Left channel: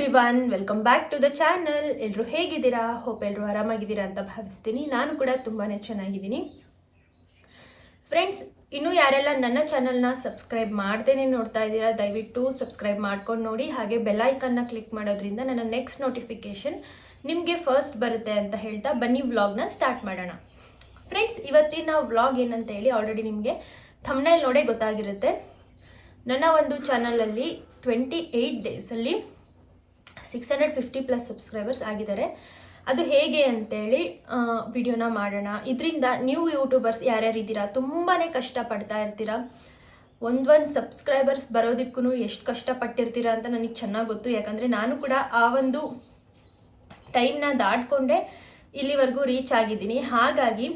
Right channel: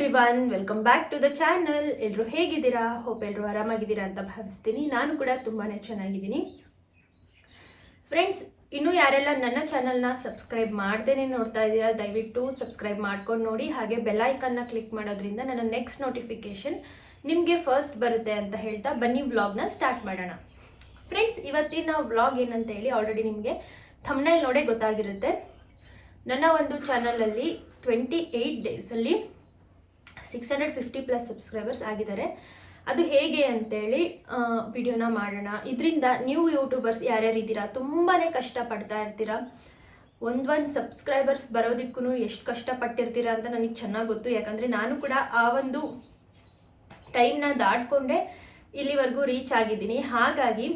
Everyone, welcome back to the channel. ಎಲ್ಲರೂ ಹೇಗಿದ್ದೀರಾ? Hope ಎಲ್ಲರೂ ಆರಾಮಾಗಿದ್ದೀರಾ ಅಂತ ಭಾವಿಸ್ತೀನಿ. ನಾನು ಕೂಡ ತುಂಬಾ ಚೆನ್ನಾಗಿದ್ದೀನಿ. ಫ್ರೆಂಡ್ಸ್, ಇನ್ನೂ ಯಾರೆಲ್ಲ ನನ್ನ ಚಾನಲ್ನ ಸಬ್ಸ್ಕ್ರೈಬ್ ಮಾಡ್ದೇನೆ ನೋಡ್ತಾ ಇದ್ದೀರಾ, ದಯವಿಟ್ಟು ಸಬ್ಸ್ಕ್ರೈಬ್ ಮಾಡ್ಕೊಂಡು ನೋಡಿ. ಹಾಗೆ ಬೆಲ್ ಐಕನ್ನ ಕ್ಲಿಕ್ ಮಾಡೋದ್ರಿಂದ ನನ್ನ ನೆಕ್ಸ್ಟ್ ನೋಟಿಫಿಕೇಷನ್ ನಿಮಗೆ ಫಸ್ಟ್ ಬರುತ್ತೆ ಅಂತ ಹೇಳ್ತಾ ಬನ್ನಿ ವ್ಲಾಗ್ನ ಸ್ಟಾರ್ಟ್ ಮಾಡೋಣ. ಫ್ರೆಂಡ್ಸ್, ಇವತ್ತಿನ ವ್ಲಾಗ್ ಏನಂತ ಹೇಳಿ ಆಲ್ರೆಡಿ ನಿಮಗೆ ಥಂಬ್ನೈಲ್ ನೋಡೇ ಗೊತ್ತಾಗಿರುತ್ತೆ. ನನ್ನ ಒಂದು ಚಾನಲಲ್ಲಿ 28 ಡೇಸಲ್ಲಿ 650+ ಸಬ್ಸ್ಕ್ರೈಬರ್ಸ್ ಆಗಿದ್ದಾರೆ. ಅದು ಹೇಗೆ ಅಂತೇಳಿ ವಿಡಿಯೋನ ಮಾಡೋಣ. ಇದರಿಂದ ನ್ಯೂ ಯೂಟ್ಯೂಬರ್ಸ್ ಯಾರ್ಯಾರು ಇದ್ದೀರಾ, ತುಂಬಾ ಕಷ್ಟಪಡ್ತಾ ಇರ್ತೀರಾ. ಒಂದು ಸಬ್ಸ್ಕ್ರೈಬರ್ಸ್ ಬರೋದಕ್ಕೂ ಎಷ್ಟು ಕಷ್ಟಪಟ್ಟಿರ್ತೀರಾ ಅಂತ ನನಗೆ ಚೆನ್ನಾಗಿ ಗೊತ್ತು. ಯಾಕಂದರೆ ನಾನು ಕೂಡ ಆ ಒಂದು ಟೈಮ್ನ ದಾಟ್ಕೊಂಡೆ ಇಲ್ಲಿವರೆಗೂ ರೀಚ್ ಆಗಿದ್ದೀನಿ. ಹಾಗಾಗಿ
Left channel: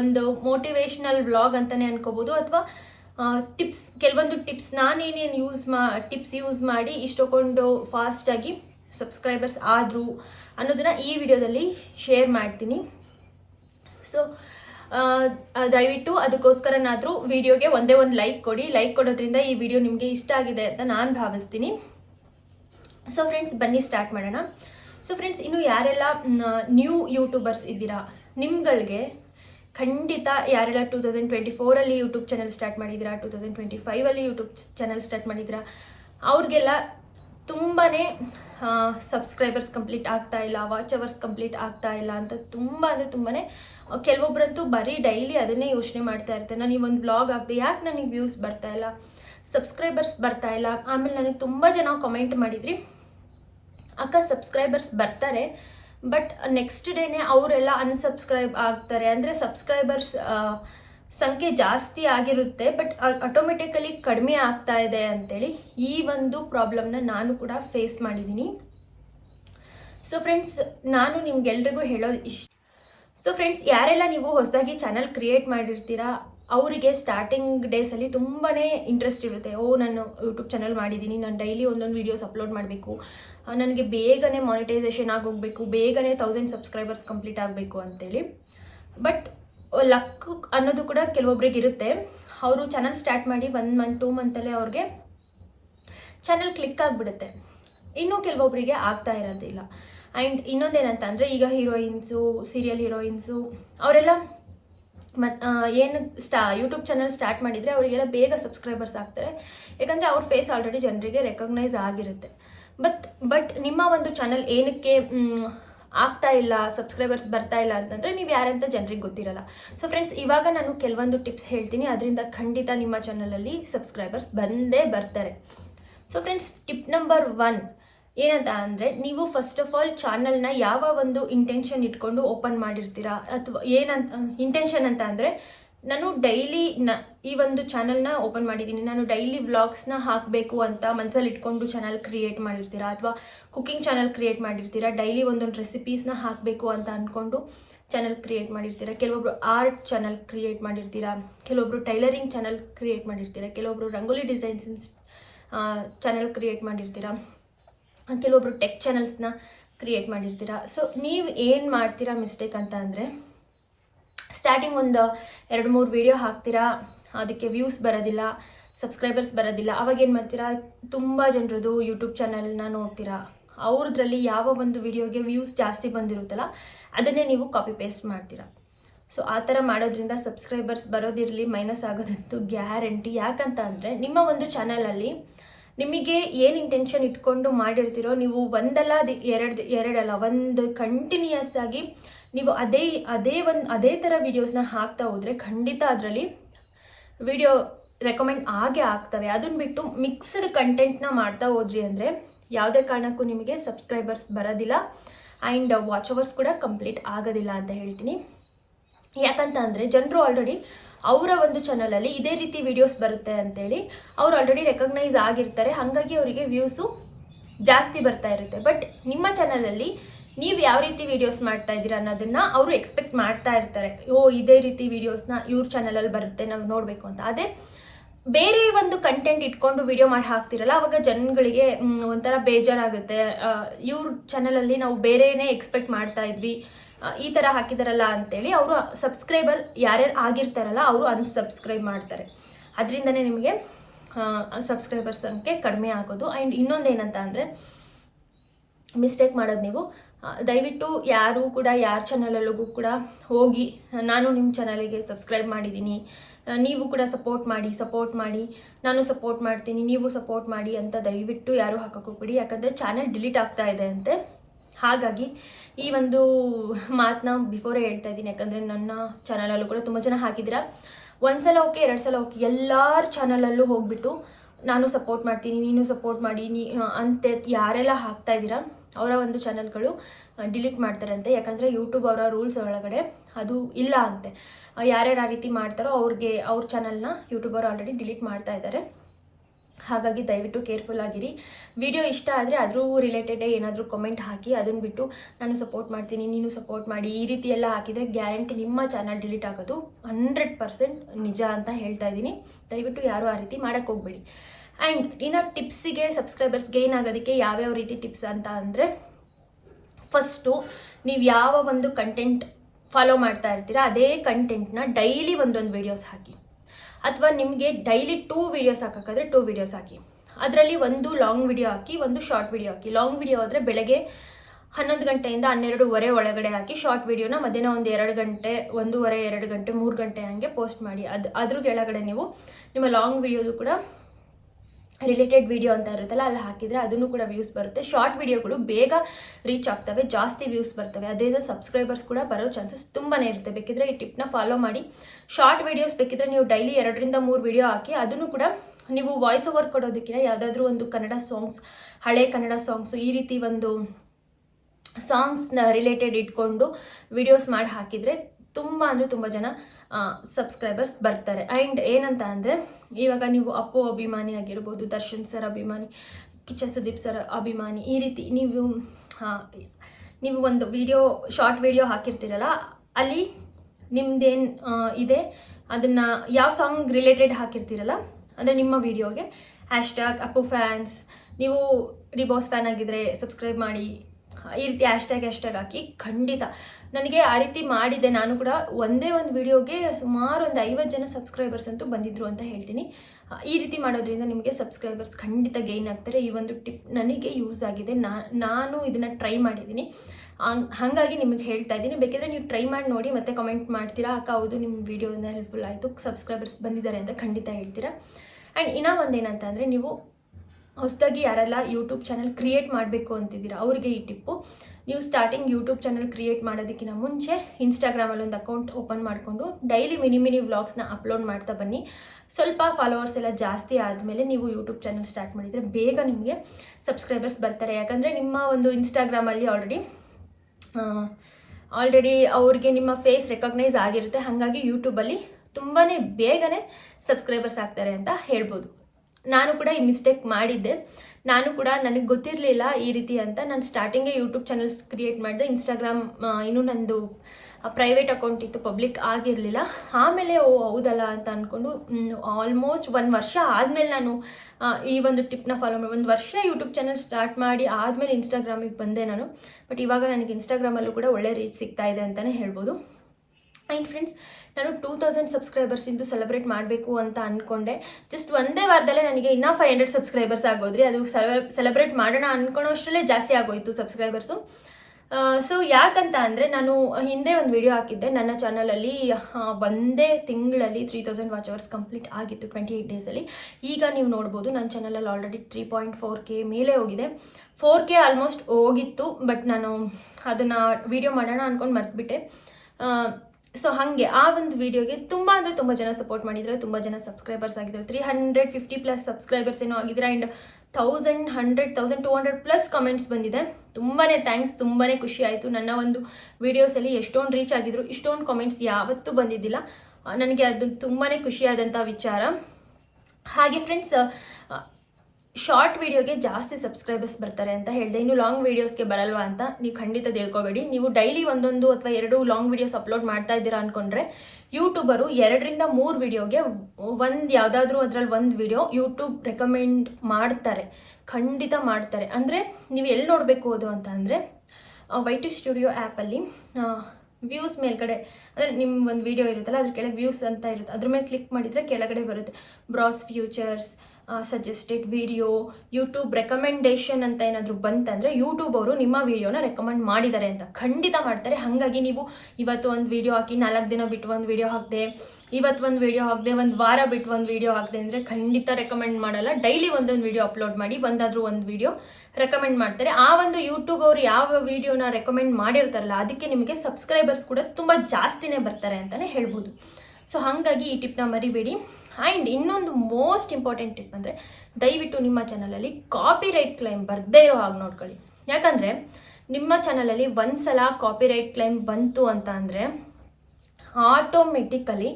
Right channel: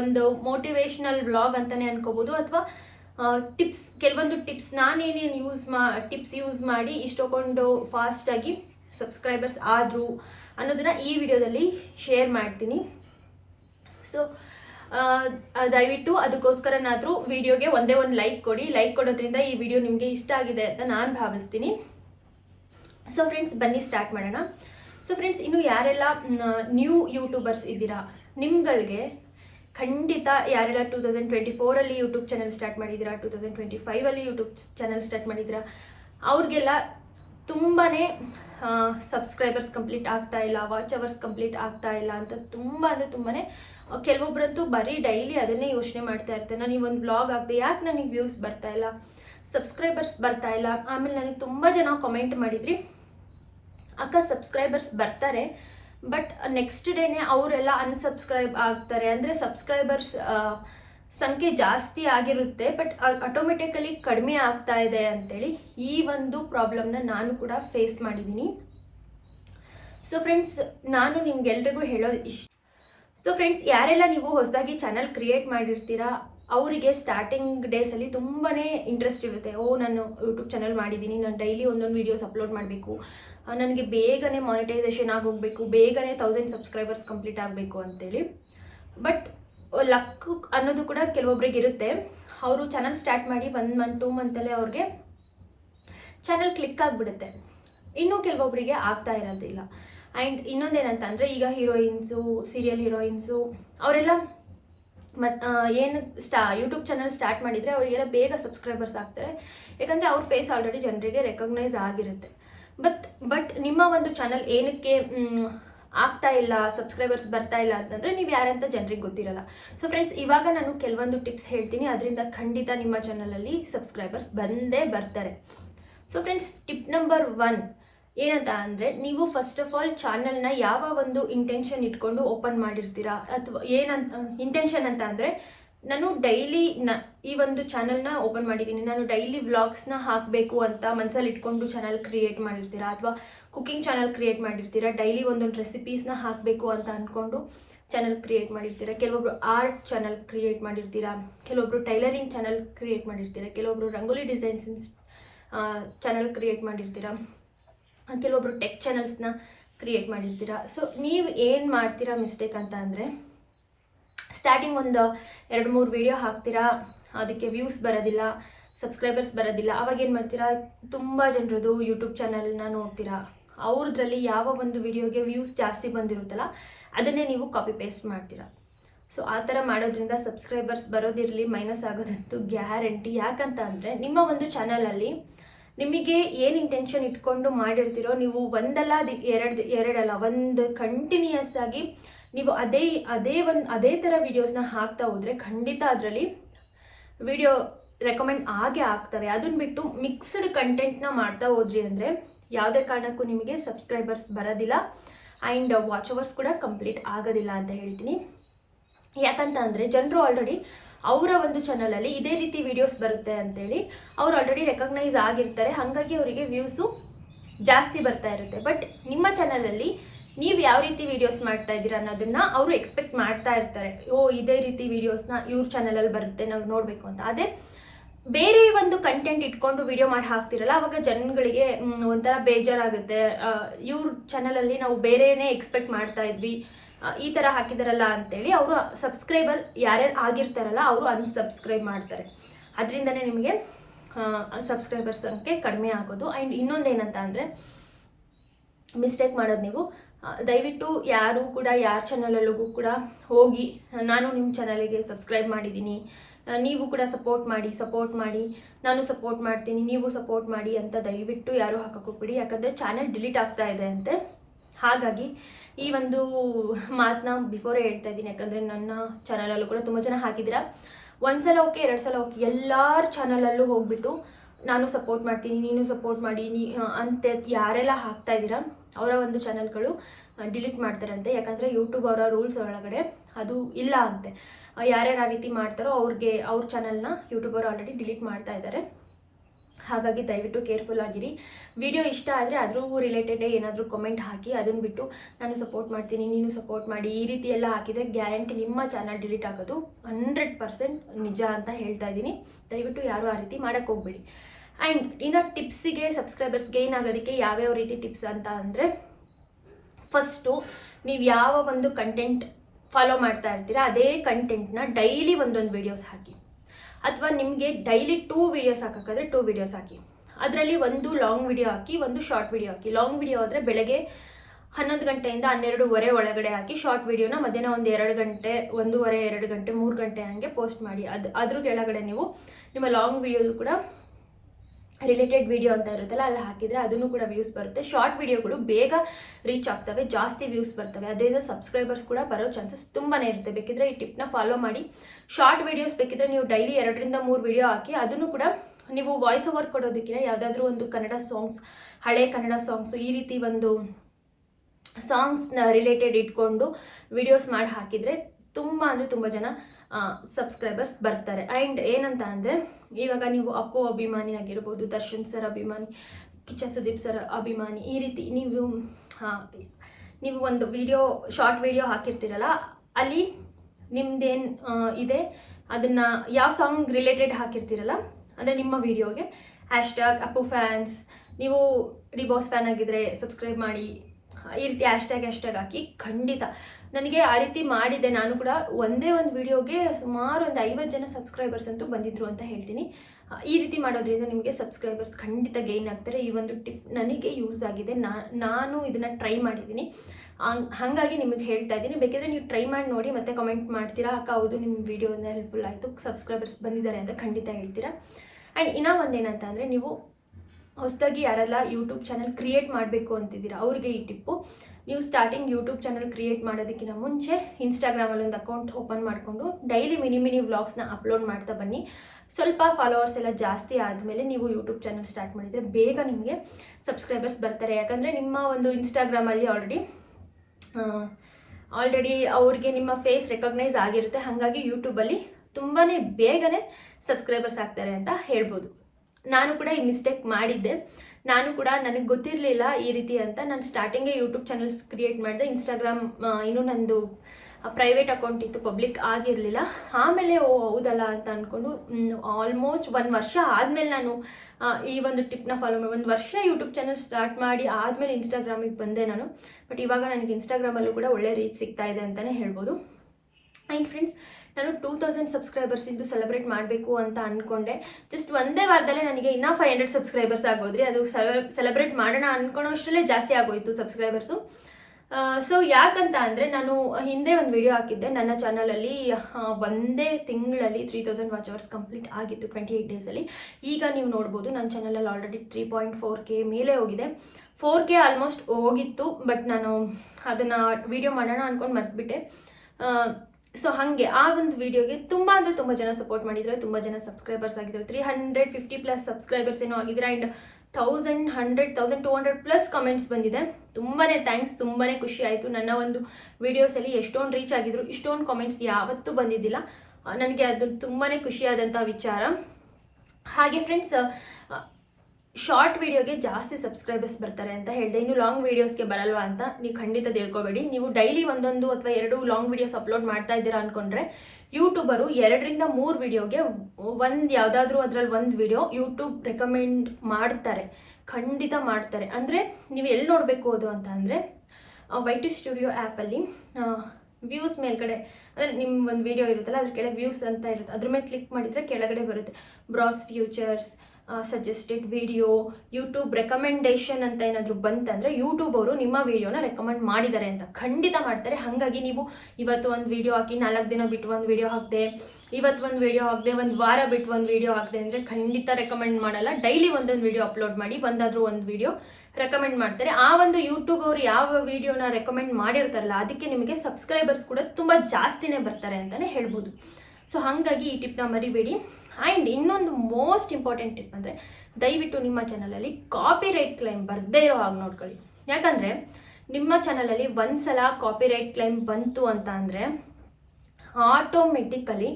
ಒಂದು ಮೋಟಿವೇಶ್ನಲ್ ವ್ಲಾಗ್ ಅಂತಲೇ ಅನ್ಕೋಬೋದು, ಅಥವಾ ಕೆಲವೊಂದು ಟಿಪ್ಸ್ ನಾನೇನೇನು ಟಿಪ್ಸ್ ಯೂಸ್ ಮಾಡಿ ಇಷ್ಟೊಂದು ಫಾಸ್ಟಾಗಿ ಸಬ್ಸ್ಕ್ರೈಬರ್ಸ್ ಆದರು ಅನ್ನೋದನ್ನು ಈ ವಿಡಿಯೋದಲ್ಲಿ ಶೇರ್ ಮಾಡ್ತೀನಿ. ಸೊ ದಯವಿಟ್ಟು ಅದಕ್ಕೋಸ್ಕರನಾದರೂ ವಿಡಿಯೋಗೆ ಒಂದೇ ಒಂದು ಲೈಕ್ ಕೊಡಿ. ಲೈಕ್ ಕೊಡೋದ್ರಿಂದ ಈ ವಿಡಿಯೋ ನಿಮಗೆ ಇಷ್ಟ ಆಗಿದೆ ಅಂತ ನಾನು ಭಾವಿಸ್ತೀನಿ. ಸೊ ಫ್ರೆಂಡ್ಸ್, ಬನ್ನಿ ಸ್ಟಾರ್ಟ್ ಮಾಡೋಣ. ಸೊ ಫ್ರೆಂಡ್ಸ್, ಇನ್ನು ಯಾರೆಲ್ಲ ನ್ಯೂ ಯೂಟ್ಯೂಬರ್ಸ್ ಇದ್ದೀರಾ, ನಿಮ್ಗಳಿಗೆ ಖಂಡಿತ ಯಾರೆಲ್ಲ 2024 ಯೂಟ್ಯೂಬ್ ಚಾನಲ್ ಸ್ಟಾರ್ಟ್ ಮಾಡಿದ್ದೀರಾ, 2025 ಯೂಟ್ಯೂಬ್ ಚಾನಲ್ ಸ್ಟಾರ್ಟ್ ಮಾಡಿದ್ದೀರಾ, ಅವ್ರಿಗೆಲ್ಲ ತುಂಬಾ ಸಬ್ಸ್ಕ್ರೈಬರ್ಸ್ ಕಂಪ್ಲೀಟ್ ಆಗ್ತಾ ಇಲ್ಲ, ವಾಚ್ ಅವರ್ಸ್ ಕಂಪ್ಲೀಟ್ ಆಗ್ತಾ ಇಲ್ಲ ಅಂತ ತುಂಬಾ ಕೆಲವೊಬ್ಬರಂತೂ ಬರೀ ಡೈಲಿ ಅದನ್ನೇ ಯೋಚನೆ ಮಾಡ್ತಾ ಇರ್ತಾರೆ. ನಾನು ಈ ಒಂದು ವ್ಲಾಗ್ ಆಗದೆ ಯಾಕೆ ನನಗೆ ವ್ಯೂಸ್ ಬರ್ತಾ ಇಲ್ಲ, ಸಬ್ಸ್ಕ್ರೈಬರ್ಸ್ ಬರ್ತಾ ಇಲ್ಲ. ಆಮೇಲೆ ನನಗೆ ತುಂಬ ಜನ ಕಾಮೆಂಟ್ ಮಾಡಿದ್ರಿ, ಅಕ್ಕ ಸಬ್ಸ್ಕ್ರೈಬರ್ಸ್ ಬರ್ತಾರೆ ಬಟ್ ನೆಕ್ಸ್ಟ್ ಡೇನೇ ಅವರೆಲ್ಲ ಅನ್ಸಬ್ಸ್ಕ್ರೈಬ್ ಆಗ್ತಾರೆ. ಅಂದರೆ ಸಬ್ಸ್ಕ್ರೈಬರ್ಸ್ ಸಂಖ್ಯೆ ಜಾಸ್ತಿ ಆಗಿರುತ್ತೆ ಬಟ್ ಆಟೋಮೆಟಿಕಲಿ ಕಡಿಮೆ ಆಗ್ತಾ ಇದೆ ಅಂತೇಳಿ ಈ ಒಂದು ಪ್ರಾಬ್ಲಮ್ನ ನಾನು ಕೂಡ ಫೇಸ್ ಮಾಡಿದ್ದೀನಿ. ಸೊ ಫ್ರೆಂಡ್ಸ್, ನಾನು ನಿಮ್ಗೆಲ್ರಿಗೂ ಹೇಳೋದು ಸೊ ಫ್ರೆಂಡ್ಸ್, ಯಾರೆಲ್ಲ ನೀವು ಹೊಸದಾಗಿ ಚಾನಲ್ ಕ್ರಿಯೇಟ್ ಮಾಡಿರ್ತೀರಾ ಅವರಿಗೆ ಸ್ಟಾರ್ಟಿಂಗ್ ಡೇಸಲ್ಲಿ ತುಂಬಾ ಇಂಟ್ರೆಸ್ಟ್ ಇರುತ್ತೆ. ನಾನು ಯೂಟ್ಯೂಬ್ ಚಾನಲ್ ಮಾಡಿದ್ದೀನಿ, ನಾನು ಡೈಲಿ ಒಂದೊಂದು ವೀಡಿಯೋಸ್ ಅಪ್ಲೋಡ್ ಮಾಡಬೇಕು, ನನಗೆ ಬೇಗನೆ ಮಾನಿಟೈಸೇಷನ್ ಆಗೋಗಬೇಕು, ಬೇಗನೆ 1000 ಸಬ್ಸ್ಕ್ರೈಬರ್ಸ್ ಕಂಪ್ಲೀಟ್ ಆಗಬೇಕು ಅಂತೇಳಿ. ಬಟ್ ಲಕ್ ಅನ್ನೋದು ಕೂಡ ಕೆಲವೊಬ್ರಿಗೆ ಇರುತ್ತೆ. ಅವರು ಚಾನಲ್ ಸ್ಟಾರ್ಟ್ ಮಾಡಿ 1 ಮಂತ್ 2 ಮಂತಲ್ಲೇ ಅವ್ರಿಗೆ ಚಾನಲ್ ಕ್ಲಿಕ್ ಆಗಿಬಿಡುತ್ತೆ. ಇನ್ನೂ ಕೆಲವೊಬ್ಬರಿಗೆ ಆಗ್ತಾ ಇರೋದಿಲ್ಲ. ಆ್ಯಂಡ್ ಇನ್ನೊಂದೇನಂತ ಅಂದರೆ, ಈಗ ಹೀರೋಯಿನ್ಸು, ಸೀರಿಯಲ್ ಹೀರೋಯಿನ್ಸು ಅವರೆಲ್ಲ ಏನು ಯೂಟ್ಯೂಬ್ ಚಾನಲ್ ಸ್ಟಾರ್ಟ್ ಮಾಡಿದರೆ ಅವರಿಗೆಲ್ಲ ಬೇಗ ಸಬ್ಸ್ಕ್ರೈಬರ್ಸ್ ಆಗ್ತಾರೆ. ಯಾಕಂದರೆ ಅವ್ರ ಫೇಸ್ ಆಲ್ರೆಡಿ ಜನರಿಗೆ ರೆಕಗ್ನೈಸ್ ಆಗಿರುತ್ತೆ. ಬಟ್ ನಿಮ್ಮ ಒಂದು ಚಾನಲ್ ಏನಕ್ಕೆ ಆಗ್ತಾ ಇಲ್ಲ, ಸಬ್ಸ್ಕ್ರೈಬರ್ಸ್ ಬರ್ತಾ ಇಲ್ಲ ಅಂತಂದರೆ ನೀವು ಯಾರಂತ ಜನರಿಗೆ ಗೊತ್ತಿರಲ್ಲ. ಸೊ ಫ್ರೆಂಡ್ಸ್, ಇವಾಗ ನಾನು ಕೆಲವೊಂದು ಟಿಪ್ಸ್ ಹೇಳ್ತೀನಿ, ಅದರಿಂದ ಖಂಡಿತ ನಿಮ್ಮ ಚಾನಲಲ್ಲಿ ಸಬ್ಸ್ಕ್ರೈಬರ್ಸ್ ಬಂದೇ ಬರ್ತಾರೆ. ಸೊ ಫ್ರೆಂಡ್ಸ್, ಟಿಪ್ ನಂಬರ್ 1 ಏನಂತ ಅಂದರೆ, ನೀವು ಫಸ್ಟ್ ಆಫ್ ಆಲ್ ಚಾನಲ್ನ ಯಾವ ಒಂದು ಇಂಟೆನ್ಷನ್ ಇಟ್ಕೊಂಡು ಓಪನ್ ಮಾಡಿರ್ತೀರಾ, ಅಥವಾ ಏನಂತ ಇಂಟೆನ್ಷನ್ ಅಂತ ಅಂದರೆ, ನಾನು ಡೈಲಿ ಈ ಒಂದು ಚಾನಲ್ನ ಓಪನ್ ಮಾಡಿದ್ದೀನಿ, ನಾನು ಡೈಲಿ ವ್ಲಾಗ್ಸ್ನ ಹಾಕಬೇಕು ಅಂತ ಮನಸ್ಸಲ್ಲಿ ಇಟ್ಕೊಂಡು ಚಾನಲ್ ಕ್ರಿಯೇಟ್ ಮಾಡಿರ್ತೀರಾ, ಅಥವಾ ಕುಕಿಂಗ್ ಚಾನಲ್ ಕ್ರಿಯೇಟ್ ಮಾಡಿರ್ತೀರಾ, ಡೈಲಿ ಒಂದೊಂದು ರೆಸಿಪೀಸ್ನ ಹಾಕಬೇಕು ಅಂತ ಅಂದ್ಕೊಂಡು ಚಾನಲ್ ಕ್ರಿಯೇಟ್ ಮಾಡಿರ್ತೀರಾ, ಕೆಲವೊಬ್ರು ಆರ್ಟ್ ಚಾನಲ್ ಕ್ರಿಯೇಟ್ ಮಾಡಿರ್ತೀರಾ, ಕೆಲವೊಬ್ರು ಟೈಲರಿಂಗ್ ಚಾನಲ್ ಕ್ರಿಯೇಟ್ ಮಾಡಿರ್ತೀರಾ, ಕೆಲವೊಬ್ರು ರಂಗೋಲಿ ಡಿಸೈನ್ಸ್ ಚಾನಲ್ ಕ್ರಿಯೇಟ್ ಮಾಡಿರ್ತೀರಾ, ಕೆಲವೊಬ್ರು ಟೆಕ್ ಚಾನಲ್ಸ್ನ ಕ್ರಿಯೇಟ್ ಮಾಡಿರ್ತೀರಾ. ಸೊ ನೀವು ಏನು ಮಾಡ್ತೀರಾ ಮಿಸ್ಟೇಕ್ ಅಂತ ಅಂದರೆ, ಸ್ಟಾರ್ಟಿಂಗ್ ಒಂದು 2-3 ವೀಡಿಯೋ ಹಾಕ್ತೀರಾ, ಅದಕ್ಕೆ ವ್ಯೂಸ್ ಬರೋದಿಲ್ಲ, ಸಬ್ಸ್ಕ್ರೈಬರ್ಸ್ ಬರೋದಿಲ್ಲ. ಅವಾಗ ಏನು ಮಾಡ್ತೀರಾ, ತುಂಬ ಜನರದು ಯೂಟ್ಯೂಬ್ ಚಾನಲ್ನ ನೋಡ್ತೀರಾ, ಅವ್ರದ್ರಲ್ಲಿ ಯಾವ ಒಂದು ವಿಡಿಯೋಗೆ ವ್ಯೂಸ್ ಜಾಸ್ತಿ ಬಂದಿರುತ್ತಲ್ಲ ಅದನ್ನೇ ನೀವು ಕಾಪಿ ಪೇಸ್ಟ್ ಮಾಡ್ತೀರಾ. ಸೊ ಆ ಥರ ಮಾಡೋದ್ರಿಂದ ಸಬ್ಸ್ಕ್ರೈಬರ್ಸ್ ಬರೋದಿರಲಿ, ಮೈನಸ್ ಆಗೋದಂತೂ ಗ್ಯಾರಂಟಿ. ಯಾಕಂತ ಅಂದರೆ, ನಿಮ್ಮ ಒಂದು ಚಾನಲಲ್ಲಿ ನಿಮಗೆ ಏನು ಇಂಟೆನ್ಷನ್ ಇಟ್ಕೊಂಡು ಮಾಡಿರ್ತೀರೋ, ನೀವು ಎರಡಲ್ಲ ಒಂದು ಕಂಟಿನ್ಯೂಯಸ್ ಆಗಿ ನೀವು ಅದೇ ಥರ ವೀಡಿಯೋಸ್ನ ಹಾಕ್ತಾ ಹೋದರೆ ಖಂಡಿತ ಅದರಲ್ಲಿ ವಿಡಿಯೋ ರೆಕಮೆಂಡ್ ಆಗೇ ಆಗ್ತವೆ. ಅದನ್ನು ಬಿಟ್ಟು ಮಿಕ್ಸ್ಡ್ ಕಂಟೆಂಟ್ನ ಮಾಡ್ತಾ ಹೋದ್ರಿ ಅಂದರೆ ಯಾವುದೇ ಕಾರಣಕ್ಕೂ ನಿಮಗೆ ಸಬ್ಸ್ಕ್ರೈಬರ್ಸ್ ಬರೋದಿಲ್ಲ, ಆ್ಯಂಡ್ ವಾಚ್ ಅವರ್ಸ್ ಕೂಡ ಕಂಪ್ಲೀಟ್ ಆಗೋದಿಲ್ಲ ಅಂತ ಹೇಳ್ತೀನಿ. ಯಾಕಂತ ಅಂದರೆ, ಜನರು ಆಲ್ರೆಡಿ ಅವರ ಒಂದು ಚಾನಲಲ್ಲಿ ಇದೇ ರೀತಿ ವೀಡಿಯೋಸ್ ಬರುತ್ತೆ ಅಂತೇಳಿ ಅವ್ರು ಆಲ್ರೆಡಿ ರೆಕಗ್ನೈಸ್ ಆಗಿರ್ತಾರೆ. ಹಾಗಾಗಿ ಅವರಿಗೆ ವ್ಯೂಸು ಜಾಸ್ತಿ ಬರ್ತಾ ಇರುತ್ತೆ. ಬಟ್ ನಿಮ್ಮ ಚಾನಲಲ್ಲಿ ನೀವು ಯಾವ ರೀತಿ ವೀಡಿಯೋಸ್ ಮಾಡ್ತಾ ಇದ್ದೀರಾ ಅನ್ನೋದನ್ನು ಅವರು ಎಕ್ಸ್ಪೆಕ್ಟ್ ಮಾಡ್ತಾ ಇರ್ತಾರೆ. ಇದೇ ರೀತಿ ವೀಡಿಯೋಸ್ನ ಇವ್ರ ಚಾನಲಲ್ಲಿ ಬರುತ್ತೆ, ನಾವು ನೋಡಬೇಕು ಅಂತ. ಅದೇ ಬೇರೆ ಒಂದು ಕಂಟೆಂಟ್ ಇಟ್ಕೊಂಡು ವಿಡಿಯೋ ಮಾಡಿ ಹಾಕ್ತಿರಲ್ಲ, ಆವಾಗ ಜನಗಳಿಗೆ ಒಂಥರ ಬೇಜಾರಾಗುತ್ತೆ. ಇವ್ರ ಚಾನಲಲ್ಲಿ ನಾವು ಬೇರೆಯೇ ಎಕ್ಸ್ಪೆಕ್ಟ್ ಮಾಡ್ತಾ ಇದ್ವಿ, ಈ ಥರ ಹಾಕಿದಾರಲ್ಲ ಅಂತೇಳಿ ಅವರು ಸಬ್ಸ್ಕ್ರೈಬರ್ ಯಾರ್ಯಾರು ಆಗಿರ್ತಾರಲ್ಲ ಅವರು ಅನ್ಸಬ್ಸ್ಕ್ರೈಬ್ ಮಾಡ್ತಾರೆ. ಅದರಿಂದನೇ ನಿಮಗೆ ಸಬ್ಸ್ಕ್ರೈಬರ್ಸ್ ಸಂಖ್ಯೆ ಕಡಿಮೆ ಆಗೋದು. ಆ್ಯಂಡ್ ಇನ್ನೊಂದೇನಂತ ಅಂದರೆ, ಮಿಸ್ಟೇಕ್ ಮಾಡೋದು ನೀವು. ದಯವಿಟ್ಟು ಯಾರು ಕೂಡ ಯಾರ ಚಾನಲಲ್ಲಿಗೂ ಕೂಡ ಹೋಗಿ ನಾನು ನಿಮ್ಮ ಚಾನಲಿಗೆ ಸಬ್ಸ್ಕ್ರೈಬ್ ಮಾಡಿದ್ದೀನಿ, ನೀವು ಕೂಡ ಸಪೋರ್ಟ್ ಮಾಡಿ, ನಾನು ಸಪೋರ್ಟ್ ಮಾಡ್ತೀನಿ, ನೀವು ಸಪೋರ್ಟ್ ಮಾಡಿ ಅಂತ ದಯವಿಟ್ಟು ಯಾರೂ ಹಾಕಕ್ಕೆ ಹೋಗ್ಬಿಡಿ. ಯಾಕಂದರೆ ಚಾನಲ್ ಡಿಲೀಟ್ ಆಗ್ತಾ ಇದೆ ಅಂತೆ. ಹಾಗಾಗಿ ಈ ಒಂದು ಮಾತನ್ನ ಬಿಫೋರೇ ಹೇಳ್ತಾ ಇದ್ದೀನಿ. ಯಾಕಂದರೆ ನನ್ನ ಚಾನಲಲ್ಲೂ ಕೂಡ ತುಂಬ ಜನ ಹಾಕಿದ್ದೀರಾ. ಒಂದು ಸಲ ಓಕೆ, 2 ಸಲ ಓಕೆ, ಎಲ್ಲರ ಚಾನಲಲ್ಲೂ ಹೋಗ್ಬಿಟ್ಟು ನಾನು ಸಪೋರ್ಟ್ ಮಾಡ್ತೀನಿ, ನೀನು ಸಪೋರ್ಟ್ ಮಾಡಿ ಅಂತ ಯಾರೆಲ್ಲ ಹಾಕ್ತಾ ಇದ್ದೀರಾ ಅವರ ಒಂದು ಚಾನಲ್ಗಳು ಡಿಲೀಟ್ ಮಾಡ್ತಾರಂತೆ. ಯಾಕಂದರೆ ಯೂಟ್ಯೂಬ್ ಅವರ ರೂಲ್ಸ್ ಒಳಗಡೆ ಅದು ಇಲ್ಲ ಅಂತೆ. ಯಾರ್ಯಾರು ಆ ರೀತಿ ಮಾಡ್ತಾರೋ ಅವ್ರ ಚಾನಲ್ನ ಯೂಟ್ಯೂಬ್ ಅವರು ಆಲ್ರೆಡಿ ಡಿಲೀಟ್ ಮಾಡ್ತಾ ಇದ್ದಾರೆ. ಹಾಗಾಗಿ ದಯವಿಟ್ಟು ಕೇರ್ಫುಲ್ ಆಗಿರಿ. ವಿಡಿಯೋ ಇಷ್ಟ ಆದರೆ ಅದ್ರ ರಿಲೇಟೆಡೇ ಏನಾದರೂ ಕಮೆಂಟ್ ಹಾಕಿ, ಅದನ್ನು ಬಿಟ್ಟು ನಾನು ಸಪೋರ್ಟ್ ಮಾಡ್ತೀನಿ, ನೀನು ಸಪೋರ್ಟ್ ಮಾಡಿ ಈ ರೀತಿ ಎಲ್ಲ ಹಾಕಿದರೆ ಗ್ಯಾರಂಟಿ ನಿಮ್ಮ ಚಾನಲ್ ಡಿಲೀಟ್ ಆಗೋದು 100% ನಿಜ ಅಂತ ಹೇಳ್ತಾ ಇದ್ದೀನಿ. ದಯವಿಟ್ಟು ಯಾರೂ ಆ ರೀತಿ ಮಾಡೋಕ್ಕೆ ಹೋಗ್ಬೇಡಿ. ಆ್ಯಂಡ್ ಇನ್ನು ಟಿಪ್ಸಿಗೆ, ಸಬ್ಸ್ಕ್ರೈಬರ್ಸ್ ಗೇನ್ ಆಗೋದಕ್ಕೆ ಯಾವ್ಯಾವ ರೀತಿ ಟಿಪ್ಸ್ ಅಂತ ಅಂದರೆ, ಫಸ್ಟು ನೀವು ಯಾವ ಒಂದು ಕಂಟೆಂಟ್ ಫಾಲೋ ಮಾಡ್ತಾ ಇರ್ತೀರಾ ಅದೇ ಕಂಟೆಂಟ್ನ ಡೈಲಿ ಒಂದೊಂದು ವೀಡಿಯೋಸ್ ಹಾಕಿ. ಅಥವಾ ನಿಮಗೆ ಡೈಲಿ 2 ವೀಡಿಯೋಸ್ ಹಾಕೋಕ್ಕಾದ್ರೆ 2 ವೀಡಿಯೋಸ್ ಹಾಕಿ. ಅದರಲ್ಲಿ ಒಂದು ಲಾಂಗ್ ವಿಡಿಯೋ ಹಾಕಿ, ಒಂದು ಶಾರ್ಟ್ ವಿಡಿಯೋ ಹಾಕಿ. ಲಾಂಗ್ ವಿಡಿಯೋ ಆದರೆ ಬೆಳಗ್ಗೆ 11 ಗಂಟೆಯಿಂದ 12:30 ಒಳಗಡೆ ಹಾಕಿ. ಶಾರ್ಟ್ ವಿಡಿಯೋನ ಮಧ್ಯಾಹ್ನ ಒಂದು 2 ಗಂಟೆ, 1:30, 2 ಗಂಟೆ, 3 ಗಂಟೆ ಹಾಗೆ ಪೋಸ್ಟ್ ಮಾಡಿ. ಅದ್ರ ಕೆಳಗಡೆ ನೀವು ನಿಮ್ಮ ಲಾಂಗ್ ವಿಡಿಯೋದು ಕೂಡ ರಿಲೇಟೆಡ್ ವಿಡಿಯೋ ಅಂತ ಇರುತ್ತಲ್ಲ ಅಲ್ಲಿ ಹಾಕಿದರೆ ಅದನ್ನು ಕೂಡ ವ್ಯೂಸ್ ಬರುತ್ತೆ. ಶಾರ್ಟ್ ವಿಡಿಯೋಗಳು ಬೇಗ ರೀಚ್ ಆಗ್ತವೆ, ಜಾಸ್ತಿ ವ್ಯೂಸ್ ಬರ್ತವೆ. ಅದರಿಂದ ಸಬ್ಸ್ಕ್ರೈಬರ್ಸ್ ಕೂಡ ಬರೋ ಚಾನ್ಸಸ್ ತುಂಬಾ ಇರುತ್ತೆ. ಬೇಕಿದ್ರೆ ಈ ಟಿಪ್ನ ಫಾಲೋ ಮಾಡಿ. ಶಾರ್ಟ್ ವಿಡಿಯೋಸ್ ಬೇಕಿದ್ರೆ ನೀವು ಡೈಲಿ 2 ರಿಂದ 3 ವಿಡಿಯೋ ಹಾಕಿ. ಅದನ್ನು ಕೂಡ ನೀವು ವಾಯ್ಸ್ ಓವರ್ ಕೊಡೋದಕ್ಕಿಂತ ಯಾವುದಾದ್ರೂ ಒಂದು ಕನ್ನಡ ಸಾಂಗ್ಸ್, ಹಳೆ ಕನ್ನಡ ಸಾಂಗ್ಸು, ಈ ರೀತಿ ಒಂದು ಸಾಂಗ್ಸ್ನ ರಿಲೇಟೆಡ್ ಇಟ್ಕೊಂಡು ವಿಡಿಯೋಸ್ ಮಾಡಿ ಹಾಕಿದರೆ ತುಂಬ ಅಂದರೆ ತುಂಬ ಜನ ಸಬ್ಸ್ಕ್ರೈಬರ್ಸ್ ಬರ್ತಾರೆ. ಆ್ಯಂಡ್ ಏನಂತ ಅಂದರೆ, ಇವಾಗ ನೀವು ಅಪ್ಪು ಅಭಿಮಾನಿ ಆಗಿರ್ಬೋದು, ದರ್ಶನ್ ಸರ್ ಅಭಿಮಾನಿ, ಕಿಚ್ಚ ಸುದೀಪ್ ಸರ್ ಅಭಿಮಾನಿ, ಈ ರೀತಿ ನೀವು ಒಂದು ವಿಡಿಯೋ, ಶಾರ್ಟ್ ವಿಡಿಯೋ ಹಾಕಿರ್ತೀರಲ್ಲ, ಅಲ್ಲಿ ನಿಮ್ದೇನು ಇದೆ ಅದನ್ನು ಯಾವ ಸಾಂಗ್ ರಿಲೇಟೆಡ್ ಹಾಕಿರ್ತೀರಲ್ಲ, ಅಂದರೆ ನಿಮ್ಮ ವಿಡಿಯೋಗೆ ಹ್ಯಾಶ್ಟ್ಯಾಗ್ ಅಪ್ಪು ಫ್ಯಾನ್ಸ್, ನೀವು ಡಿಬೋಸ್ ಫ್ಯಾನ್ ಆಗಿದ್ದರೆ ಸಬ್ಸ್ಕ್ರೈಬ್ ಮಾಡಿ, ಈ ರೀತಿ ಹ್ಯಾಶ್ಟ್ಯಾಗ್ ಹಾಕಿ. ಖಂಡಿತ ನನಗೆ ಆ ರೀತಿ ಮಾಡಿದೆ. ನಾನು ಕೂಡ ಒಂದೇ ಒಂದು ವಿಡಿಯೋಗೆ ಸುಮಾರು ಒಂದು 50 ಜನ ಸಬ್ಸ್ಕ್ರೈಬರ್ಸ್ ಅಂತೂ ಬಂದಿದ್ರು ಅಂತ ಹೇಳ್ತೀನಿ. ಈ ರೀತಿ ಮಾಡೋದ್ರಿಂದ ನಿಮಗೆ ಸಬ್ಸ್ಕ್ರೈಬರ್ಸ್ ಖಂಡಿತ ಗೇನ್ ಆಗ್ತಾರೆ. ಈ ಒಂದು ಟಿಪ್ ನನಗೆ ಯೂಸ್ ಆಗಿದೆ. ನಾನು ಇದನ್ನು ಟ್ರೈ ಮಾಡಿದ್ದೀನಿ, ಹಾಗಾಗಿ ನಿಮಗೆ ಹೇಳ್ತಾ ಇದ್ದೀನಿ. ಬೇಕಿದ್ರೆ ನೀವು ಟ್ರೈ ಮಾಡಿ ನೋಡಿ, ಮತ್ತೆ ಕಮೆಂಟ್ ಮಾಡ್ತೀರಾ, ಅಕ್ಕ ಹೌದು ನಿಮ್ಮ ವಿಡಿಯೋನ ಹೆಲ್ಪ್ಫುಲ್ ಆಯಿತು, ಸಬ್ಸ್ಕ್ರೈಬರ್ಸ್ ಬಂದಿದ್ದಾರೆ ಅಂತ ಖಂಡಿತ ಹೇಳ್ತೀರಾ. ಆ್ಯಂಡ್ ಇನ್ನೂ ಒಂದೇನಂತ ಅಂದರೆ, ನೀವು ಹೊಸದಾಗಿ ಯಾರೆಲ್ಲ ಯೂಟ್ಯೂಬ್ ಚಾನಲ್ ಕ್ರಿಯೇಟ್ ಮಾಡಬೇಕು ಅಂತಿದ್ದೀರಾ ಅವರಿಗೆ ಈ ಟಿಪ್ಪು. ನೀವು ಸ್ಟಾರ್ಟಿಂಗ್ ಯೂಟ್ಯೂಬ್ ಚಾನಲ್ ಕ್ರಿಯೇಟ್ ಮಾಡೋದಕ್ಕಿಂತ ಮುಂಚೆ ಇನ್ಸ್ಟಾಗ್ರಾಮಲ್ಲಿ ಒಂದು ಅಕೌಂಟ್ ಓಪನ್ ಮಾಡಿಕೊಂಡು ಡೈಲಿ ಮಿನಿ ವ್ಲಾಗ್ಸ್ನ ಅಪ್ಲೋಡ್ ಮಾಡ್ತಾ ಬನ್ನಿ. ಸ್ವಲ್ಪ ಫಾಲೋವರ್ಸ್ ಎಲ್ಲ ಜಾಸ್ತಿ ಆದಮೇಲೆ ನೀವು ಯೂಟ್ಯೂಬ್ ಚಾನಲ್ ಸ್ಟಾರ್ಟ್ ಮಾಡಿದರೆ ಬೇಗ ನಿಮಗೆ ಸಬ್ಸ್ಕ್ರೈಬರ್ಸ್ ಬರ್ತಾರೆ. ಯಾಕಂದರೆ ನಿಮ್ಮ ಒಂದು ಇನ್ಸ್ಟಾಗ್ರಾಮಲ್ಲಿ ಆಲ್ರೆಡಿ ಅವ್ರಿಗೆ ನಿಮ್ಮ ಫೇಸ್ ರೆಕಗ್ನೈಸ್ ಆಗಿರುತ್ತೆ. ಹಾಗಾಗಿ ಯೂಟ್ಯೂಬಲ್ಲಿ ತುಂಬಾ ಬೇಗನೆ ಸಬ್ಸ್ಕ್ರೈಬರ್ಸ್ ಆಗ್ತಾರೆ ಅಂತ ಹೇಳ್ಬೋದು. ನಾನು ಕೂಡ ಈ ಮಿಸ್ಟೇಕ್ ಮಾಡಿದ್ದೆ. ನನಗೆ ಗೊತ್ತಿರಲಿಲ್ಲ ಈ ರೀತಿ ಅಂತ. ನಾನು ಸ್ಟಾರ್ಟಿಂಗೇ ಯೂಟ್ಯೂಬ್ ಚಾನಲ್ಸ್ ಕ್ರಿಯೇಟ್ ಮಾಡಿದೆ. ಇನ್ಸ್ಟಾಗ್ರಾಮ್ ಇನ್ನೂ ನಂದು ಪ್ರೈವೇಟ್ ಅಕೌಂಟ್ ಇತ್ತು, ಪಬ್ಲಿಕ್ ಆಗಿರಲಿಲ್ಲ. ಆಮೇಲೆ ಹೌದಲ್ಲ ಅಂತ ಅಂದ್ಕೊಂಡು ಆಲ್ಮೋಸ್ಟ್ 1 ವರ್ಷ ಆದಮೇಲೆ ನಾನು ಈ ಒಂದು ಟಿಪ್ನ ಫಾಲೋ ಮಾಡಿ 1 ವರ್ಷ ಯೂಟ್ಯೂಬ್ ಚಾನಲ್ ಸ್ಟಾರ್ಟ್ ಮಾಡಿ ಆದಮೇಲೆ ಇನ್ಸ್ಟಾಗ್ರಾಮಿಗೆ ಬಂದೆ ನಾನು. ಬಟ್ ಇವಾಗ ನನಗೆ ಇನ್ಸ್ಟಾಗ್ರಾಮಲ್ಲೂ ಕೂಡ ಒಳ್ಳೆ ರೀಚ್ ಸಿಗ್ತಾ ಇದೆ ಅಂತಲೇ ಹೇಳ್ಬೋದು. ಆ್ಯಂಡ್ ಫ್ರೆಂಡ್ಸ್, ನಾನು 2000 ಸಬ್ಸ್ಕ್ರೈಬರ್ಸ್ ಇಂದು ಸೆಲೆಬ್ರೇಟ್ ಮಾಡಬೇಕು ಅಂತ ಅಂದ್ಕೊಂಡೆ. ಜಸ್ಟ್ ಒಂದೇ ವಾರದಲ್ಲೇ ನನಗೆ ಇನ್ನೂ 500 ಸಬ್ಸ್ಕ್ರೈಬರ್ಸ್ ಆಗೋದ್ರಿ. ಅದು ಸೆಲೆಬ್ರೇಟ್ ಮಾಡೋಣ ಅಂದ್ಕೊಳ್ಳೋಷ್ಟರಲ್ಲೇ ಜಾಸ್ತಿ ಆಗೋಯಿತು ಸಬ್ಸ್ಕ್ರೈಬರ್ಸು. ಸೊ ಯಾಕಂತ ಅಂದರೆ, ನಾನು ಹಿಂದೆ ಒಂದು ವಿಡಿಯೋ ಹಾಕಿದ್ದೆ ನನ್ನ ಚಾನಲಲ್ಲಿ. ಒಂದೇ ತಿಂಗಳಲ್ಲಿ 3000 ವಾಚ್ ಅವರ್ಸ್ ಕಂಪ್ಲೀಟ್ ಆಗಿತ್ತು 28 ಡೇಸಲ್ಲಿ. ಈಗ ನೀವು ನೋಡ್ಬೋದು ನನ್ನ ಚಾನಲಲ್ಲಿ ಆಲ್ರೆಡಿ 3.4K ಮೇಲೆ ಹೋಗಿದೆ. 4K ಆಲ್ಮೋಸ್ಟ್ ಹೋಗಿತ್ತು, ಬಟ್ ನಾನು ಅದನ್ನು ವಿಡಿಯೋ ಮಾಡೋಣ ಅಂದ್ಕೊಂಡು ಮರ್ತ್ಬಿಟ್ಟೆ. ಸೊ ಹಾಗೆ ಆ ಒಂದು ವಿಡಿಯೋಗೆ ತುಂಬ ಅಂದರೆ ತುಂಬ ಜನ ಸಪೋರ್ಟ್ ಮಾಡಿದರೆ, ತುಂಬ ಜನ ಸಬ್ಸ್ಕ್ರೈಬರ್ಸ್ ಆಗಿದ್ದಾರೆ. 350+ ಸಬ್ಸ್ಕ್ರೈಬರ್ಸ್ ಏನೋ ಆಗಿದ್ದಾರೆ. ಆ್ಯಂಡ್ 1200+ ಕಮೆಂಟ್ಸ್ ಬಂದಿದೆ. ತುಂಬಾ ಥ್ಯಾಂಕ್ಸ್, ತುಂಬಾ ಖುಷಿ ಆಯಿತು. ನನ್ನ ಒಂದು ವೀಡಿಯೋಸಲ್ಲಿ ಎಷ್ಟೊಂದು ರೀಚ್ ಆಗಿದ್ರು, ಇಷ್ಟೊಂದು ಕಮೆಂಟ್ಸ್ ಯಾವತ್ತೂ ಬಂದಿದ್ದಿಲ್ಲ. ನನಗೆ ಅದು ತುಂಬಾ ಖುಷಿಯಾದಂಥ ವಿಚಾರ. ಹಾಗೆ ಫ್ರೆಂಡ್ಸ್, ಶಾರ್ಟ್ ವಿಡಿಯೋಗೆ ಜಾಸ್ತಿ ಸಬ್ಸ್ಕ್ರೈಬರ್ಸ್ ಬರ್ತಾರೆ ಅಂತ ಹೇಳಿದೆ. ಇನ್ನು ಲಾಂಗ್ ವೀಡಿಯೋಸ್ಗೆ ಬರಲ್ವಾ ಅಂತ ನೀವು ಖಂಡಿತ ತಿಳ್ಕೊಬೇಡಿ. ನೀವು ಡೈಲಿ 1 ಅಥವಾ 2 ಲಾಂಗ್ ವೀಡಿಯೋಸ್ ಅಪ್ಲೋಡ್ ಮಾಡ್ತಾ ಇದ್ದೀರಾ ಅಂದ್ಕೊಂಡ್ರೆ, ಯೂಟ್ಯೂಬರು 2 ರಿಂದ 3 ವಿಡಿಯೋಗೆ ಯಾವುದಾದ್ರೂ ಅದರಲ್ಲಿ ಒಂದು ವಿಡಿಯೋ ಯೂಟ್ಯೂಬ್ ರೆಕಮೆಂಡ್ ಮಾಡ್ತಾರೆ, ಖಂಡಿತ ಮಾಡ್ತಾರೆ. ಅಂದರೆ ನೀವು ಎಲ್ಲಿ ನೋಡಬೇಕು ಅದು ಅಂತ ಅಂದರೆ, YT ಸ್ಟುಡಿಯೋ ಆ್ಯಪಲ್ಲಿ ವ್ಯೂಸ್ ಮೇಲ್ಗಡೆ, ಅಂದರೆ ನಿಮ್ಮ ಒಂದು ವಿಡಿಯೋ ಇರುತ್ತಲ್ಲ ಅದ್ರ ಕೆಳಗೆ ವ್ಯೂಸ್ ಅಂತ ಇರುತ್ತೆ, ಅದ್ರ ಮೇಲೆ ಕ್ಲಿಕ್ ಮಾಡಿದರೆ ಕೆಳಗಡೆ ಬರುತ್ತೆ browse features, suggested video, YouTube recommendation ಅಂತ ಏನಾದರೂ ಬಂತಂದರೆ ಯೂಟ್ಯೂಬ್ ಅವರು ನಿಮ್ಮ ವಿಡಿಯೋನ ರೆಕಮೆಂಡ್ ಮಾಡಿದ್ದಾರೆ ಅಂತ ಖಂಡಿತ ಮಾಡ್ತಾರೆ. ಹಾಗಾಗಿ ನೀವು ಇವತ್ತು ಒಂದು ವಿಡಿಯೋ ಹಾಕಿ 4 ದಿನ ಬಿಟ್ಟು ಒಂದು ವಿಡಿಯೋ ಹಾಕಿದೆ, ಇವತ್ತು ಒಂದು ವಿಡಿಯೋ ಹಾಕಿದೆ, ಒಂದು ವಾರ ಬಿಟ್ಟು ಒಂದು ವಿಡಿಯೋ ಹಾಕಿದೆ ಅಂದರೆ ಖಂಡಿತ ರೆಕಮೆಂಡ್ ಮಾಡಲ್ಲ. ಡೈಲಿ ಒಂದೊಂದು ವಿಡಿಯೋ ಅಪ್ಲೋಡ್ ಮಾಡಿ ಒಂದಾದರೂ ಒಂದು ವಿಡಿಯೋ ರೆಕಮೆಂಡ್ ಮಾಡ್ತಾರೆ. ಆ ಒಂದು ಯೂಟ್ಯೂಬ್ ಅವರು ಯಾವ ವಿಡಿಯೋನ ರೆಕಮೆಂಡ್ ಮಾಡಿರ್ತಾರಲ್ಲ ಅದಕ್ಕೆ ನಿಮಗೆ ಸಬ್ಸ್ಕ್ರೈಬರ್ಸ್ ಕೂಡ ತುಂಬ ಜಾಸ್ತಿನೇ ಬರ್ತಾರೆ ಅಂತಲೇ ಹೇಳ್ಬೋದು. ಸೊ ಹಾಗಾಗಿ ಈ ಟಿಪ್ನ ಮರಿಬೇಡಿ. ಆ್ಯಂಡ್ ಇನ್ನೊಂದು ಮೋಸ್ಟ್ ಇಂಪಾರ್ಟೆಂಟ್ ಟಿಪ್ ಅಂದರೆ ದಯವಿಟ್ಟು ನಿಮ್ಮ ಚಾನಲಲ್ಲಿ ಕಾಪಿರೈಟ್ ಕ್ಲೈಮ್ ಬರದೇ ಇರೋ ಹಾಗೆ ನೋಡ್ಕೊಳ್ಳಿ. ಯಾಕಂದರೆ ನಿಮ್ಮ ಚಾನಲಲ್ಲಿ ಒಂದು ಸಲ ಕಾಪಿರೈಟ್ ಕ್ಲೈಮ್ ಬಂತು ಅಂತ ಅಂದರೆ ಆಟೋಮೆಟಿಕಲಿ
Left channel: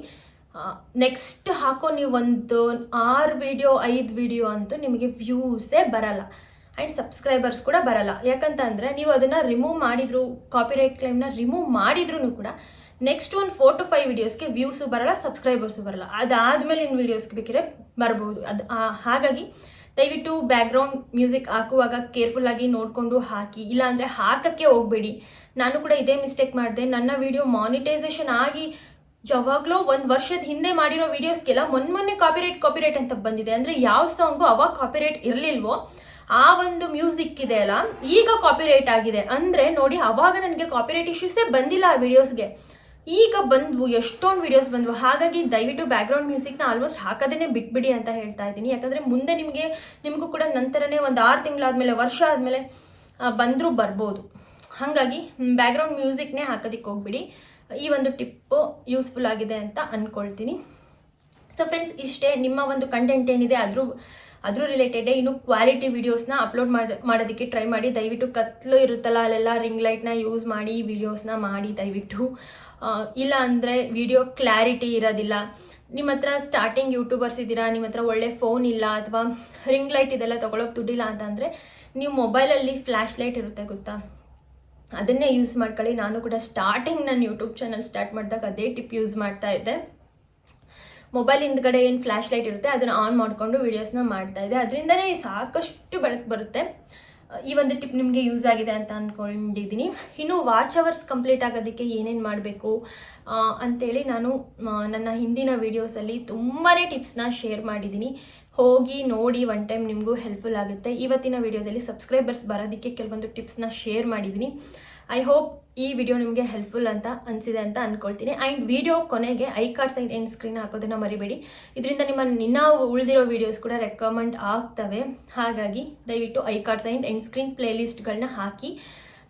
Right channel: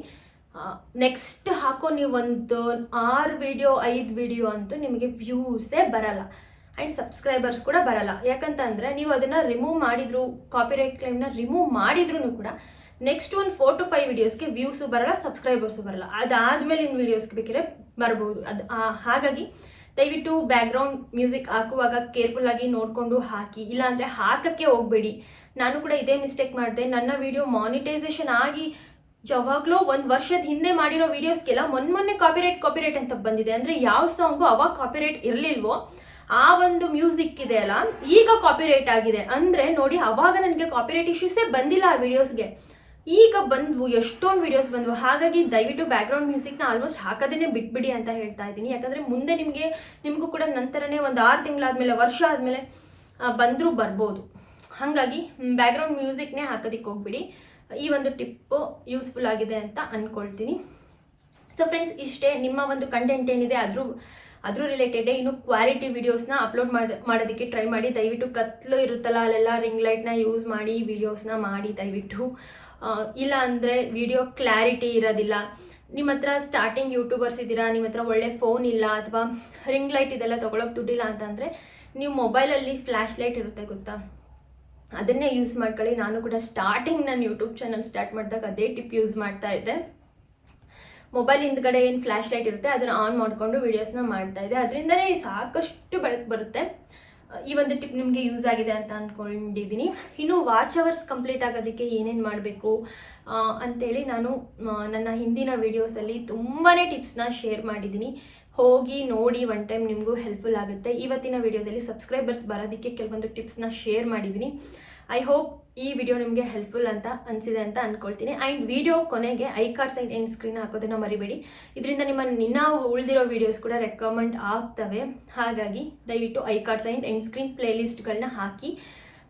ನೆಕ್ಸ್ಟ್ ಹಾಕೋ ನೀವು ಒಂದು 6 ವಿಡಿಯೋ 5 ವಿಡಿಯೋ ಅಂತೂ ನಿಮಗೆ ವ್ಯೂಸೇ ಬರಲ್ಲ ಆ್ಯಂಡ್ ಸಬ್ಸ್ಕ್ರೈಬರ್ಸ್ ಕೂಡ ಬರಲ್ಲ. ಯಾಕಂತ ಅಂದರೆ ನೀವು ಅದನ್ನು ರಿಮೂವ್ ಮಾಡಿದ್ರು, ಕಾಪಿರೈಟ್ ಕ್ಲೈಮ್ನ ರಿಮೂವ್ ಮಾಡಿದ್ರೂ ಕೂಡ ನೆಕ್ಸ್ಟ್ ಒಂದು 4 to 5 ವಿಡಿಯೋಸ್ಗೆ ವ್ಯೂಸು ಬರಲ್ಲ, ಸಬ್ಸ್ಕ್ರೈಬರ್ಸು ಬರಲ್ಲ. ಅದಾದಮೇಲೆ ಇನ್ನು ವೀಡಿಯೋಸ್ಗೆ ಬೇಕಿದ್ರೆ ಬರ್ಬೋದು. ಹಾಗಾಗಿ ದಯವಿಟ್ಟು ಬ್ಯಾಕ್ಗ್ರೌಂಡ್ ಮ್ಯೂಸಿಕ್ ಹಾಕುವಾಗ ಕೇರ್ಫುಲ್ಲಾಗಿ ನೋಡಿಕೊಂಡು ಹಾಕಿ, ಇಲ್ಲಾಂದರೆ ಹಾಕೋಕ್ಕೆ ಹೋಗಬೇಡಿ. ನಾನು ಕೂಡ ಇದೇ ಮಿಸ್ಟೇಕ್ ಮಾಡಿದೆ. ನನ್ನ ವಿಡಿಯೋ ಮಾನಿಟೈಸೇಷನ್ ಆಗಿ ಯಾವಾಗಲೂ 1 ವರ್ಷದ ಹಿಂದೆ ಮಾಡಿರೋ ವೀಡಿಯೋಸ್ಗೆಲ್ಲ ಮೊನ್ನೆ ಕಾಪಿರೈಟ್ ಅಂತ ಬಂದಿದೆ. ಅಂದರೆ ಯಾವ ಸಾಂಗು ಅವಾಗ ಕಾಪಿರೈಟ್ ಇರಲಿಲ್ವೋ ಆ ಒಂದು ಮ್ಯೂಸಿಕ್ ಇದೆ ಅಲ್ಲ ಈಗ ಕಾಪಿರೈಟ್ ಆಗಿದೆ. ಅಂದರೆ ನೋಡಿ, ಅವಾಗ ನನಗೆ ಕಾಪಿರೈಟ್ ಇಶ್ಯೂಸೇ ಬಂದಿಲ್ಲ ಆ ವಿಡಿಯೋಸ್ಗೆ, ಈಗ ಬಂದ್ವು, ಎಷ್ಟೊಂದು ವೀಡಿಯೋಸ್ ಬಂದವು. ಹಾಗಾಗಿ ದಯವಿಟ್ಟು ಬ್ಯಾಕ್ಗ್ರೌಂಡ್ ಮ್ಯೂಸಿಕ್ನ ಆಲ್ಮೋಸ್ಟ್ ಹಾಕೋದೇ ಬಿಟ್ಬಿಡಿ ಅಂತ ಹೇಳ್ತಾ ಇದ್ದೀನಿ. ಯಾಕಂದರೆ ಮುಂದೆ ನಿಮಗೂ ಕೂಡ ನಂತರನೇ ಒಂದು 6 ತಿಂಗಳಾದಮೇಲೆ, ವರ್ಷ ಆದಮೇಲೆ ಬಂದರೂ ಬರ್ಬೋದು. ಹಾಗಾಗಿ ಬ್ಯಾಕ್ಗ್ರೌಂಡ್ ಮ್ಯೂಸಿಕ್ನೇ ಹಾಕೋದಕ್ಕೆ ಹೋಗ್ಬಿಡಿ. ಈ ಒಂದು ಟಿಪ್ಪು ಯೂಸ್ಫುಲ್ ಆಗಿದೆ ಅಂತ ಅಂದ್ಕೊಳ್ತೀನಿ. ಸೊ ಫ್ರೆಂಡ್ಸ್, ಇಷ್ಟೇ ನಿಮ್ಮ ಒಂದು ಕಂಟೆಂಟ್ ಏನಿದೆ ಅದ್ರ ರಿಲೇಟೆಡೇ ಇನ್ನು ಕ್ವಾಲಿಟಿ ವೀಡಿಯೋಸ್ನ ಅಪ್ಲೋಡ್ ಮಾಡೋದಕ್ಕೆ ಟ್ರೈ ಮಾಡಿ. ದಯವಿಟ್ಟು ಕತ್ಲು ಇರುತ್ತಲ್ಲ ಅಲ್ಲೆಲ್ಲ ರಿಂಗ್ ಲೈಟ್ನ ಯೂಸ್ ಮಾಡಿ ವೀಡಿಯೋಸ್ನ ಮಾಡಿ ದಯವಿಟ್ಟು. ಇಲ್ಲ ಅಂದರೆ ವಿಡಿಯೋ ಕ್ಲಾರಿಟಿ ಇರೋದಿಲ್ಲ. ನಿಮ್ಮ ಹತ್ರ ಸ್ಟಾರ್ಟಿಂಗ್ ಯೂಟ್ಯೂಬರ್ಸ್ ಇದ್ದೀರಾ, ನಿಮ್ಮ ಹತ್ರ ಒಳ್ಳೆ ಫೋನ್ ಇಲ್ಲ ಅಥವಾ ರಿಂಗ್ ಲೈಟ್ ಇದೆಲ್ಲ ತೊಗೊಳೋಕೆ ದುಡ್ಡಿಲ್ಲ ಅಂತಂದರೆ ನೀವು ಮೊಬೈಲಲ್ಲಿ ಫ್ಲ್ಯಾಶ್ ಲೈಟ್ ಇರುತ್ತೆ ಗೊತ್ತಾ, ಅದನ್ನೇ ಯೂಸ್ ಮಾಡ್ಕೊಳ್ಳಿ. ನಾನು ಕೂಡ ಸ್ಟಾರ್ಟಿಂಗ್ ನನ್ನ ಯೂಟ್ಯೂಬ್ ಚಾನಲ್ ಸ್ಟಾರ್ಟ್ ಮಾಡಿದಾಗ ಅದೇ ಟಿಪ್ ಯೂಸ್ ಮಾಡ್ತಾ ಇದ್ದೆ. ಮೊಬೈಲ್ ಹಿಂದ್ಗಡೆ ಏನು ಫ್ಲ್ಯಾಶ್ ಲೈಟ್ ಇರುತ್ತೆ ಅದನ್ನು ಆನ್ ಮಾಡಿಕೊಂಡು ವೀಡಿಯೋಸ್ನ ಮಾಡ್ತಾ ಇದ್ದೆ. ಅದರಿಂದನೇ ಸಾಕಷ್ಟು ಬೆಳಕು ಬರುತ್ತೆ. ಈ ಒಂದು ಟಿಪ್ ನಿಮಗೆ ಯೂಸ್ ಆಗಿದೆ ಅಂತ ಅಂದ್ಕೊಂಡಿದ್ದೀನಿ. ಇನ್ನು ವಾಚ್ ಅವರ್ಸ್ ಕಂಪ್ಲೀಟ್ ಆಗೋದಕ್ಕೆ ಏನೇನು ಮಾಡಬೇಕು ಅಂಥೇಳಿ ನಾನು ನನ್ನ ಹಿಂದಿನ ವೀಡಿಯೋಸಲ್ಲಿ ತುಂಬಾ ಟಿಪ್ಸ್ನ ಶೇರ್ ಮಾಡಿದ್ದೀನಿ. ಹೋಗಿ ನೋಡಿ, ಒನ್ ಟೈಮ್ ನಿಮಗೂ ಹೆಲ್ಪ್ಫುಲ್ ಆಗುತ್ತೆ. ಇವತ್ತಿನ ವಿಡಿಯೋದಲ್ಲಿ ಸಬ್ಸ್ಕ್ರೈಬರ್ಸ್ ಬರೋದಕ್ಕೆ ಕೆಲವೊಂದು ಟಿಪ್ಸ್ನ ಶೇರ್ ಮಾಡಿದ್ದೀನಿ. ಐ ಹೋಪ್ ಈ ವಿಡಿಯೋ ನಿಮಗೆ ಹೆಲ್ಪ್ಫುಲ್ ಅಂತ ಅನಿಸಿದೆ ಅಂತ ಅಂದ್ಕೊಳ್ತೀನಿ. ಆ್ಯಂಡ್ ವಿಡಿಯೋ ಕೊನೆಗೆ I card side end screen ಹಾಕೋದನ್ನು ಮರಿಬೇಡಿ. ಇದರಿಂದ ಇನ್ನು ಉಳಿದಿರೋ ವೀಡಿಯೋಸ್ ಕೂಡ ರೆಕಮೆಂಡ್ ಆಗ್ತವೆ. ಹಾಗಾಗಿ ದಯವಿಟ್ಟು I card side end screen ಪ್ಲೇಲಿಸ್ಟ್ಗಳನ್ನ ಹಾಕಿ.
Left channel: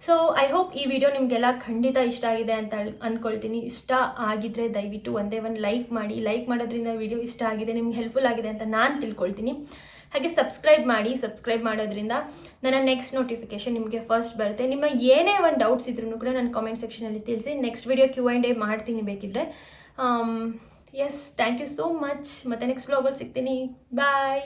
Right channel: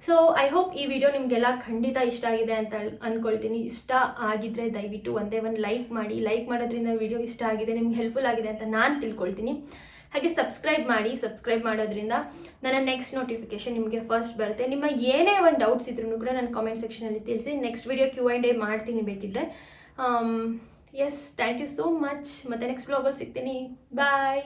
ಸೊ ಐ ಹೋಪ್ ಈ ವಿಡಿಯೋ ನಿಮಗೆಲ್ಲ ಖಂಡಿತ ಇಷ್ಟ ಆಗಿದೆ ಅಂತ ಅಂದ್ಕೊಳ್ತೀನಿ. ಇಷ್ಟ ಆಗಿದ್ದರೆ ದಯವಿಟ್ಟು ಒಂದೇ ಒಂದು ಲೈಕ್ ಮಾಡಿ. ಲೈಕ್ ಮಾಡೋದ್ರಿಂದ ವಿಡಿಯೋ ಇಷ್ಟ ಆಗಿದೆ, ನಿಮ್ಗೆ ಹೆಲ್ಪ್ಫುಲ್ ಆಗಿದೆ ಅಂತ ನಾನು ತಿಳ್ಕೊಳ್ತೀನಿ. ಹಾಗೆ ಸಬ್ಸ್ಕ್ರೈಬ್ ಮಾಡಿ. ಸಬ್ಸ್ಕ್ರೈಬ್ ಮಾಡೋದ್ರಿಂದ ನನ್ನ ನೆಕ್ಸ್ಟ್ ನೋಟಿಫಿಕೇಷನ್ ನಿಮಗೆ ಫಸ್ಟ್ ಬರುತ್ತೆ. ನಿಮ್ಮ ಏನೇ ಒಂದು ಡೌಟ್ಸ್ ಇದ್ರೂ ಕೂಡ ನನ್ನ ಕಾಮೆಂಟ್ ಸೆಕ್ಷನಲ್ಲಿ ತಿಳಿಸಿ. ನೆಕ್ಸ್ಟ್ ವಿಡಿಯೋ Q&A ಮಾಡ್ತೀನಿ ಬೇಕಿದ್ದರೆ. Yes, thank you so much. ಮತ್ತು ನೆಕ್ಸ್ಟ್ ವ್ಲಾಗಲ್ಲಿ ಸಿಗ್ತೀನಿ. ಬಾಯ್.